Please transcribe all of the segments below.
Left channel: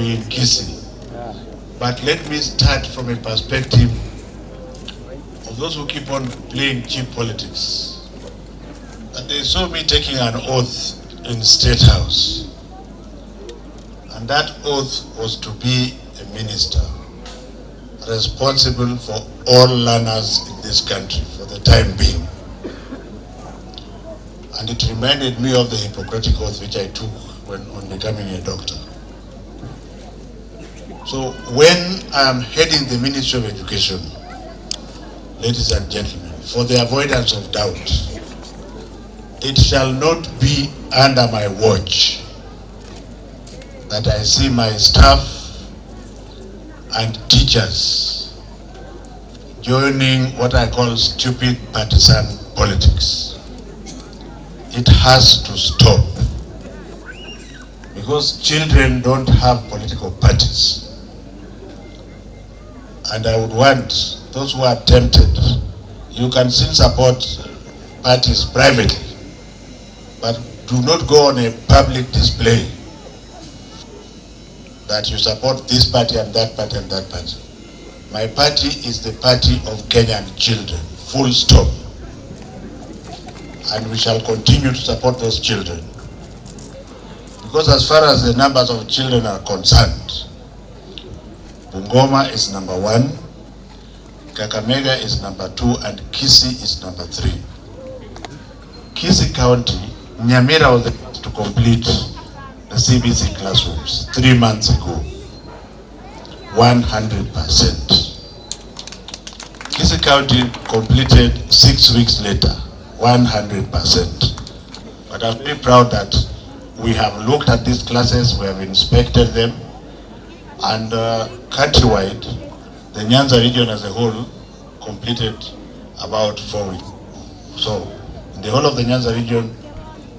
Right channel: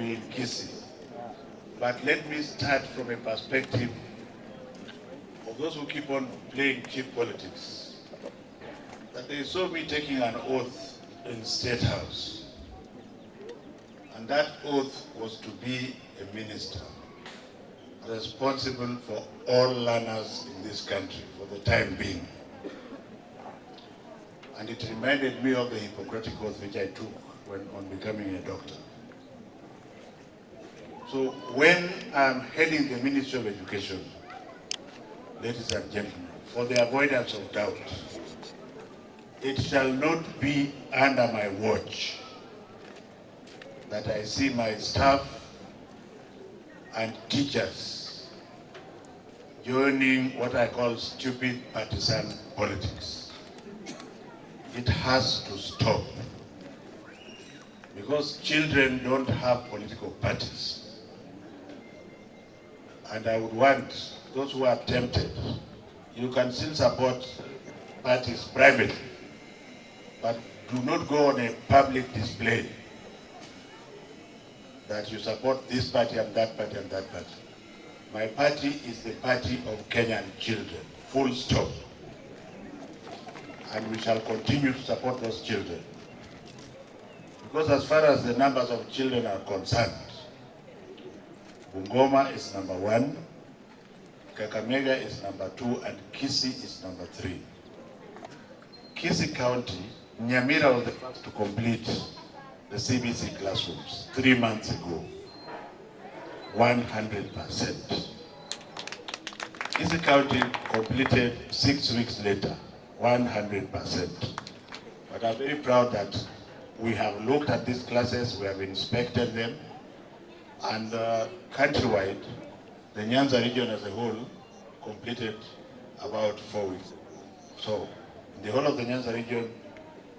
be in Kisii. But let me start from a perspective of those who keep on playing cheap politics. And they saw me taking an oath in State House. And that oath was to be a minister responsible for all learners in this country for the time being. And it reminded me of the Hippocratic oath which I took when on becoming a doctor. So when I'm heading the Ministry of Education, ladies and gentlemen, for the avoidance of doubt, it shall not be under my watch that I see my staff and teachers joining what I call stupid partisan politics. It has to stop, because children don't have political parties. And I would want those who are tempted, you can still support parties privately, but do not go on a public display that you support this party and that party and that party. My party is the party of Kenyan children, full stop. And we shall continue to support those children. Because as far as the numbers of children are concerned, Bungoma is number 1, Kakamega is number 2, and Kisii is number 3. Kisii County, Nyamira was the first to complete the CBC classrooms 3 months ago, 100%. Kisii County completed 6 weeks later, 100%. But I'm very proud that we have looked at these classes, we have inspected them, and countrywide, the Nyanza region as a whole completed about 4 weeks. So, in the whole of the Nyanza region,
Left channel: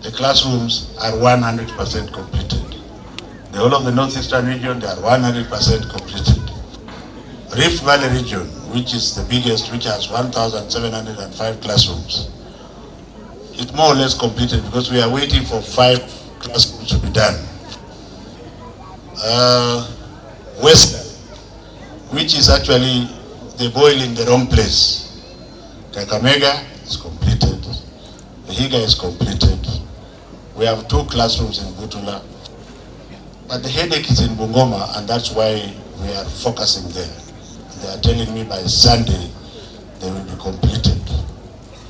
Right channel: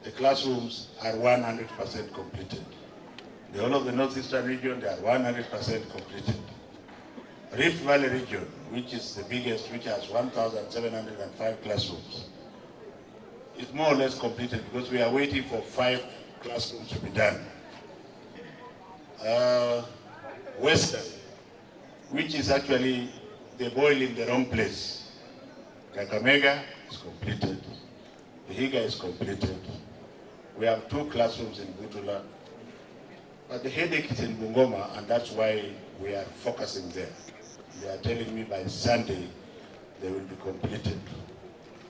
the classrooms are 100% completed. The whole of the northeastern region, they are 100% completed. Rift Valley region, which is the biggest, which has 1,705 classrooms, it's more or less completed because we are waiting for 5 classrooms to be done. West, which is actually the boil in the wrong place. Kakamega is completed. Vihiga is completed. We have 2 classrooms in Butula. But the headache is in Bungoma, and that's why we are focusing there. They are telling me by Sunday they will be completed.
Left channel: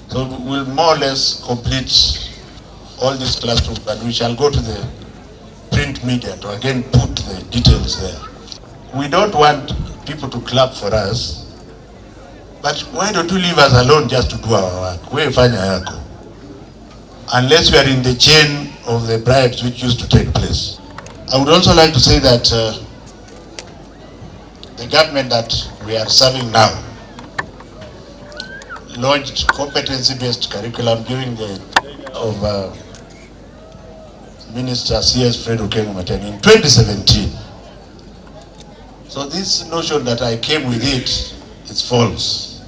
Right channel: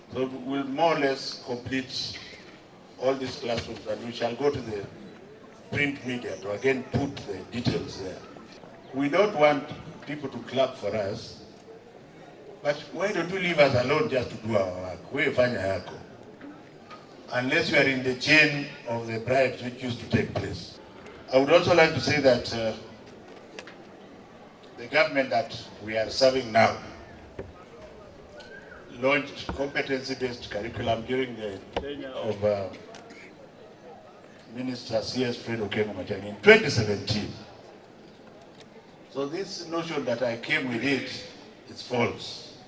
So we'll more or less complete all these classrooms, but we shall go to the print media to again put the details there. We don't want people to clap for us, but why don't you leave us alone just to do our work? We fanya yako. Unless we are in the chain of the bribes which used to take place. I would also like to say that the government that we are serving now launched competency-based curriculum during the of Minister C.S. Fred Okengo-Matiang'i in 2017. So this notion that I came with it is false.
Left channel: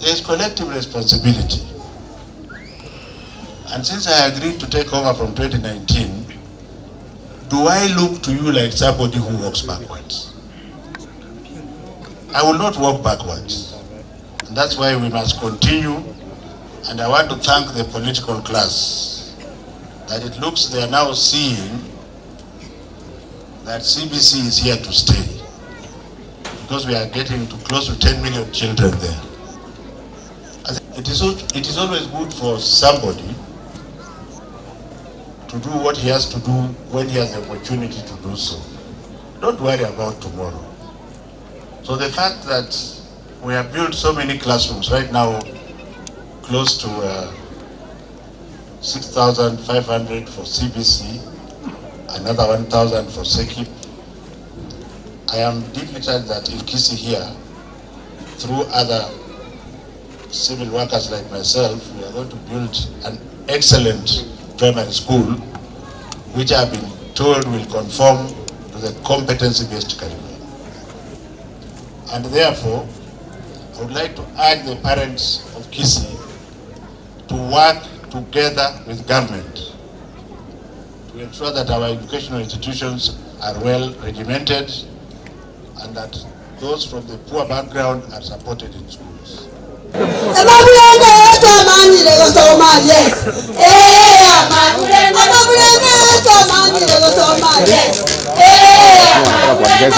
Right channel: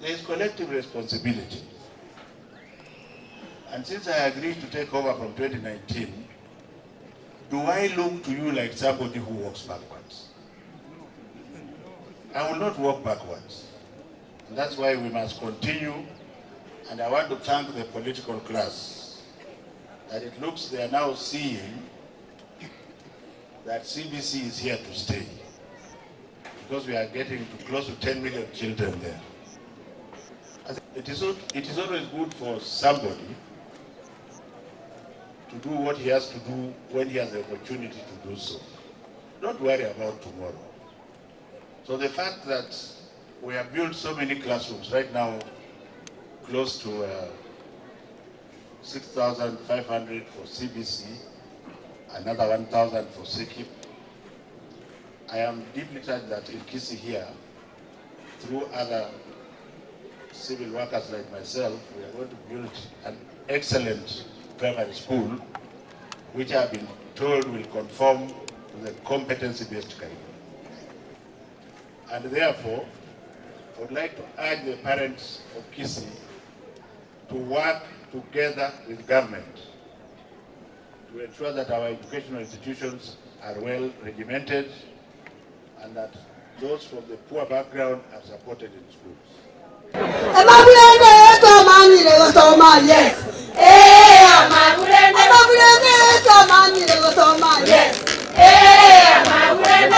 There is collective responsibility. And since I agreed to take over from 2019, do I look to you like somebody who walks backwards? I will not walk backwards. And that's why we must continue. And I want to thank the political class that it looks they are now seeing that CBC is here to stay, because we are getting to close to 10 million children there. It is always good for somebody to do what he has to do when he has the opportunity to do so. Don't worry about tomorrow. So the fact that we have built so many classrooms right now, close to 6,500 for CBC, another 1,000 for SEKIP. I am deeply touched that in Kisii here, through other civil workers like myself, we are going to build an excellent primary school, which I have been told will conform to the competency-based curriculum. And therefore, I would like to urge the parents of Kisii to work together with government to ensure that our educational institutions are well regimented and that those from the poor background are supported in schools.